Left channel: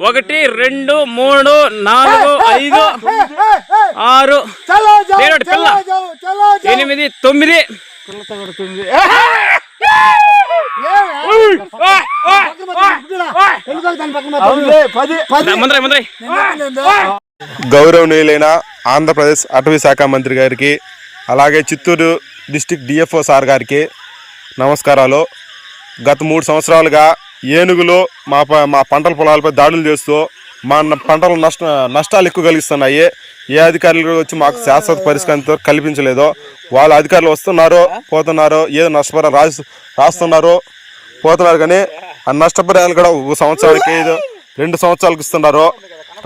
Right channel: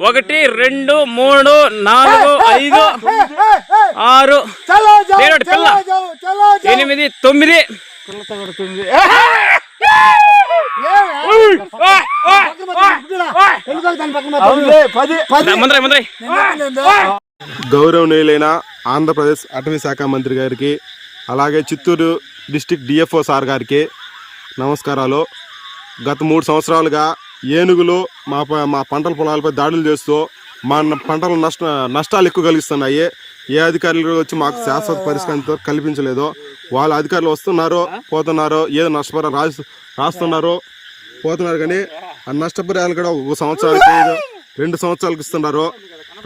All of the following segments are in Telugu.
ఒకటి రెండు మూడు నాలుగు ఐదు ఆరు. పిల్ల. ఎనిమిది తొమ్మిది. గౌరవనీయులైన ఆంధ్రప్రదేశ్ అటవీ శాఖ మంత్రి గారికి అలాగే చిత్తూరు డిస్టిక్ డిఎఫ్ఓ సార్ గారికి నమస్కారాలు. గత మూడు సంవత్సరాలుగా ఏనుగులు మా ప- మా పంటల పొలాలపై దాడులు చేస్తూ మా పంటలు నష్ట నష్టాలు ఎక్కువ కలిగిస్తున్నాయి. ఏ అధికారులు వచ్చి మాకు శాశ్వత పరిష్కారంతో కల్పించలేదో. వాళ్ళ అధికారులు వస్తున్నారు పోతున్నారు ఏదో నష్టపరం రాసి రాస్తున్నారు పోతున్నారు కానీ ఆ నష్టపరిహారాలు కూడా ఒక సంవత్సరానికి ఏదో రెండు సంవత్సరాలకు ఇస్తున్నారు.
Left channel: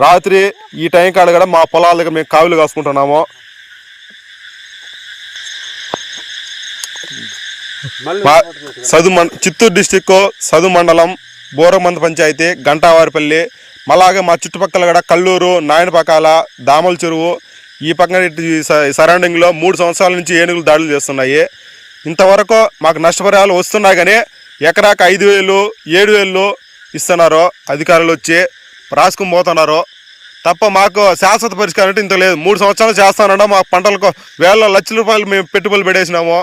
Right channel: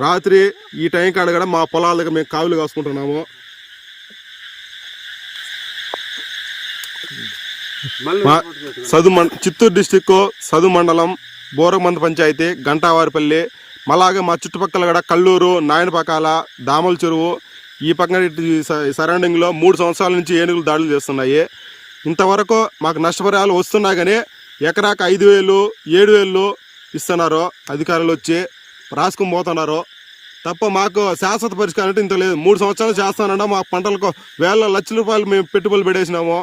రాత్రి ఈ టైం కాడ కూడా మా పొలాల దగ్గర మేము కావులు కాసుకుంటున్నాము. సదు చిత్తూరు డిస్టిక్ సదు మండలం బోరమంద పంచాయతీ గంటావారిపల్లి అలాగే మా చుట్టుపక్కల కూడా కల్లూరు నాయనపకాల దామల చెరువు ఈ పక్కన సరౌండింగ్లో మూడు సంవత్సరాల నుంచి ఏనుగులు దాడులు చేస్తున్నాయి. ఇంతవరకు మాకు నష్టపరిహారాలు వస్తున్నాయి కానీ ఎకరాకు ఐదు వేలు ఏడు వేలు ఇస్తున్నారు. అధికారులు వచ్చి రాసుకుని పోతున్నారు. తప్ప మాకు శాశ్వత పరిష్కారం అంటే ఇంత లేదు. మూడు సంవత్సరాలు చేస్తానన్నా మా పంటలకు వేల లక్షల రూపాయలు మేము పెట్టుబడులు పెట్టేసినాము.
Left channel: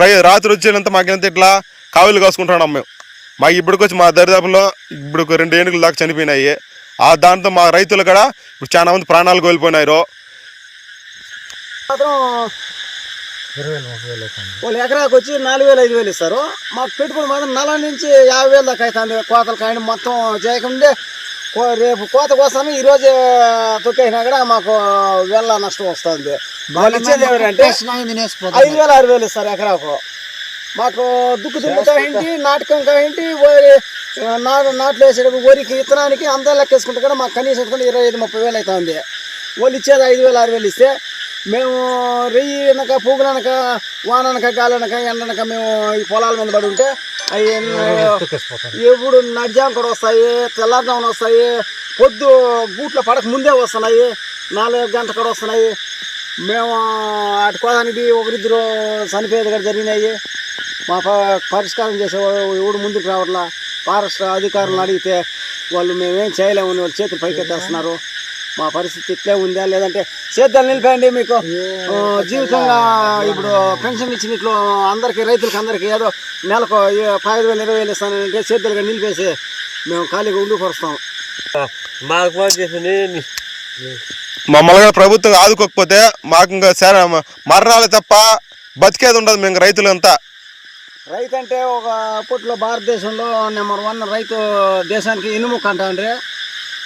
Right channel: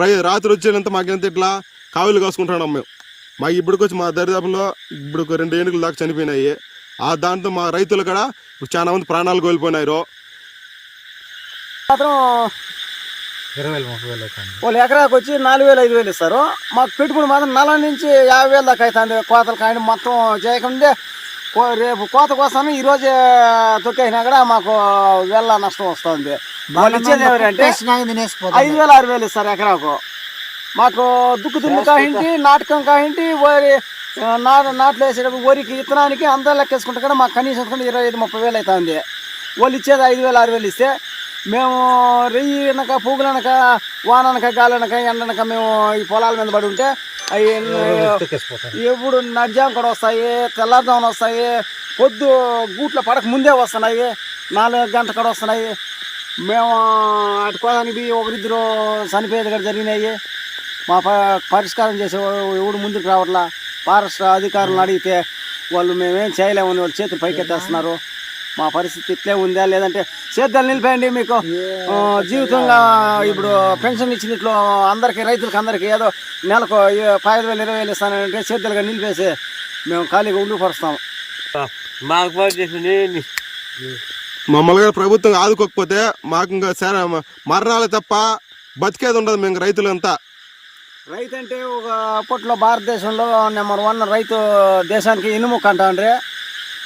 రాత్రి వచ్చేంత మాకెంత ఇట్లా కావులు కాసుకుంటున్నాం మేము. మాకు ఇప్పటికొచ్చి మా దరిదాపులో ఇప్పుడు రెండు ఏనుగులు దాకా చనిపోయినాయి. ఆ దాంతో మా రైతులు కూడా ఇప్పుడు చాలా మంది ప్రాణాలు కోల్పోయినారు. మాత్రం వాళ్ళు ఎకరాకు వచ్చి నాలుగు వేలు ఐదు వేలు ఇస్తారు. మాకు పెట్టుబడి మాత్రం నలభై నుంచి యాభై వేలు దాకా అవుతుంది. కోతలు కానీ మొత్తం చేయకుండా రేపు కోత కోస్తాను ఈ రోజే తొక్కేసినా కూడా మాకు వేల నష్టం వస్తుంది. ఐదు వేలు ఆరు వేలు ఇస్తారు ఎకరాకు. మాకు దుక్కు దుమ్ము కాయింటి నాటకం కాయింటి వరి నాటు నాట్లు వేసేటప్పుడు వరికి విత్తనానికి అంతా లెక్కేసుకుంటే కూడా మాకు కనీసం ఇరవై ఐదు ముప్పై వేలు అవుతుంది. వాళ్ళు ఇచ్చేది ఐదు వేలు ఆరు వేలు ఇస్తే మేము రెయ్యి అనక పువ్వులు అనక వాన అనక గాలి అనక ఎండ అనక మేము ఈ పొలాల మీద పడి ఉంటే అవి ఎప్పుడు నడిజాం కూడా వస్తాయి తెల్లారుజామున వస్తాయి పొద్దు గూట్లో పడక ముందే వస్తున్నాయి నాలుగు గంటల కూడా వస్తున్నాయి. మేము అటు కోదానికి ఒకరిద్దరు చనిపోయేది కూడా జరిగినాయి. మా పరిష్కారం చేసేవాడు ఎవడు ముందుకు రావట్లా? ఫారెస్ట్ అధికారులను అడిగితే వాళ్ళు మేమేం చేయలేమని వాళ్ళు చేతులు పైకెత్తేస్తున్నారు. మా పరిస్థితి ఇట్లే ఉందా లేదంటే సేద్యాలు నిలిపేయండి మీకు. జీవితంగా ఇప్పుడు పెన్షన్ ఇచ్చినట్లు అందరికీ రైతులకు అందరికీ ఏదో నెలకు పదిహేను వేలు ఇరవై వేలు ఇస్తానంటే సేద్యాలుగా నిలిపేసి మేము ఖాళీగా ఉండిపరుస్తాం మాకు ఫోన్ చేసింది మమ్మల్ని కూడా ప్రభుత్వం ఆదుకోకపోతే మాకు ఇంకా సరే మరణాలు తప్ప బతికేది ఉండదు మేము రైతులంతా. రైతు అంటే ఒక అప్పట్లో భారతదేశంలో నెంబర్ వన్ రైతు దేశానికి ఇనుముక అంటాండ్రి.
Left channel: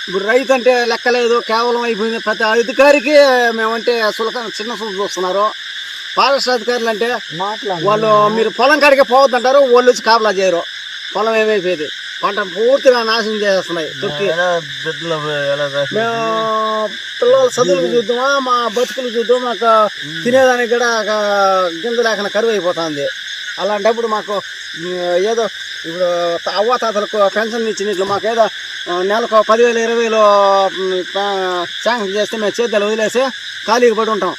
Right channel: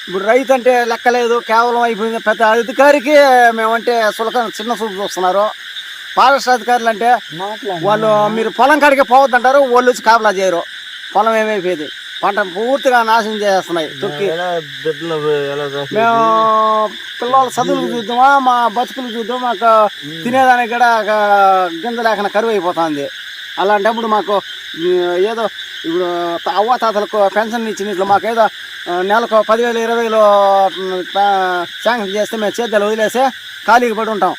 ఇప్పుడు రైతు అంటే లెక్కలేదు కేవలం అయిపోయింది ప్రతి అధికారికి మేమంటే సులక చిన్న చూపు చూస్తున్నారు. ఫారెస్ట్ అధికారులు అంటే వాళ్ళు మీరు పొలం కాడికి పోవద్దంటారు వాళ్ళు వచ్చి కాపలా చేయరు. పొలం ఏమైపోయింది? పంట పూర్తిగా నాశనం చేస్తున్నాయి చేస్తారు? మేము పిల్లల చదువులకు చూద్దామా మా బతుకులు చూద్దాం మాకు తినేదానికి కూడా గింజ లేకుండా కరువు అయిపోతుంది. అలాంటప్పుడు మాకు ఏదో ఇప్పుడు అవ్వ తాతలకు పెన్షన్ ఇచ్చినట్లు మాకు ఏదో ఆ, నెలకు పదివేలు ఇరవై వేలు శాంక్షన్ చేస్తే మేము చేద్దలు వదిలేసి ఖాళీగా పడి ఉంటాం.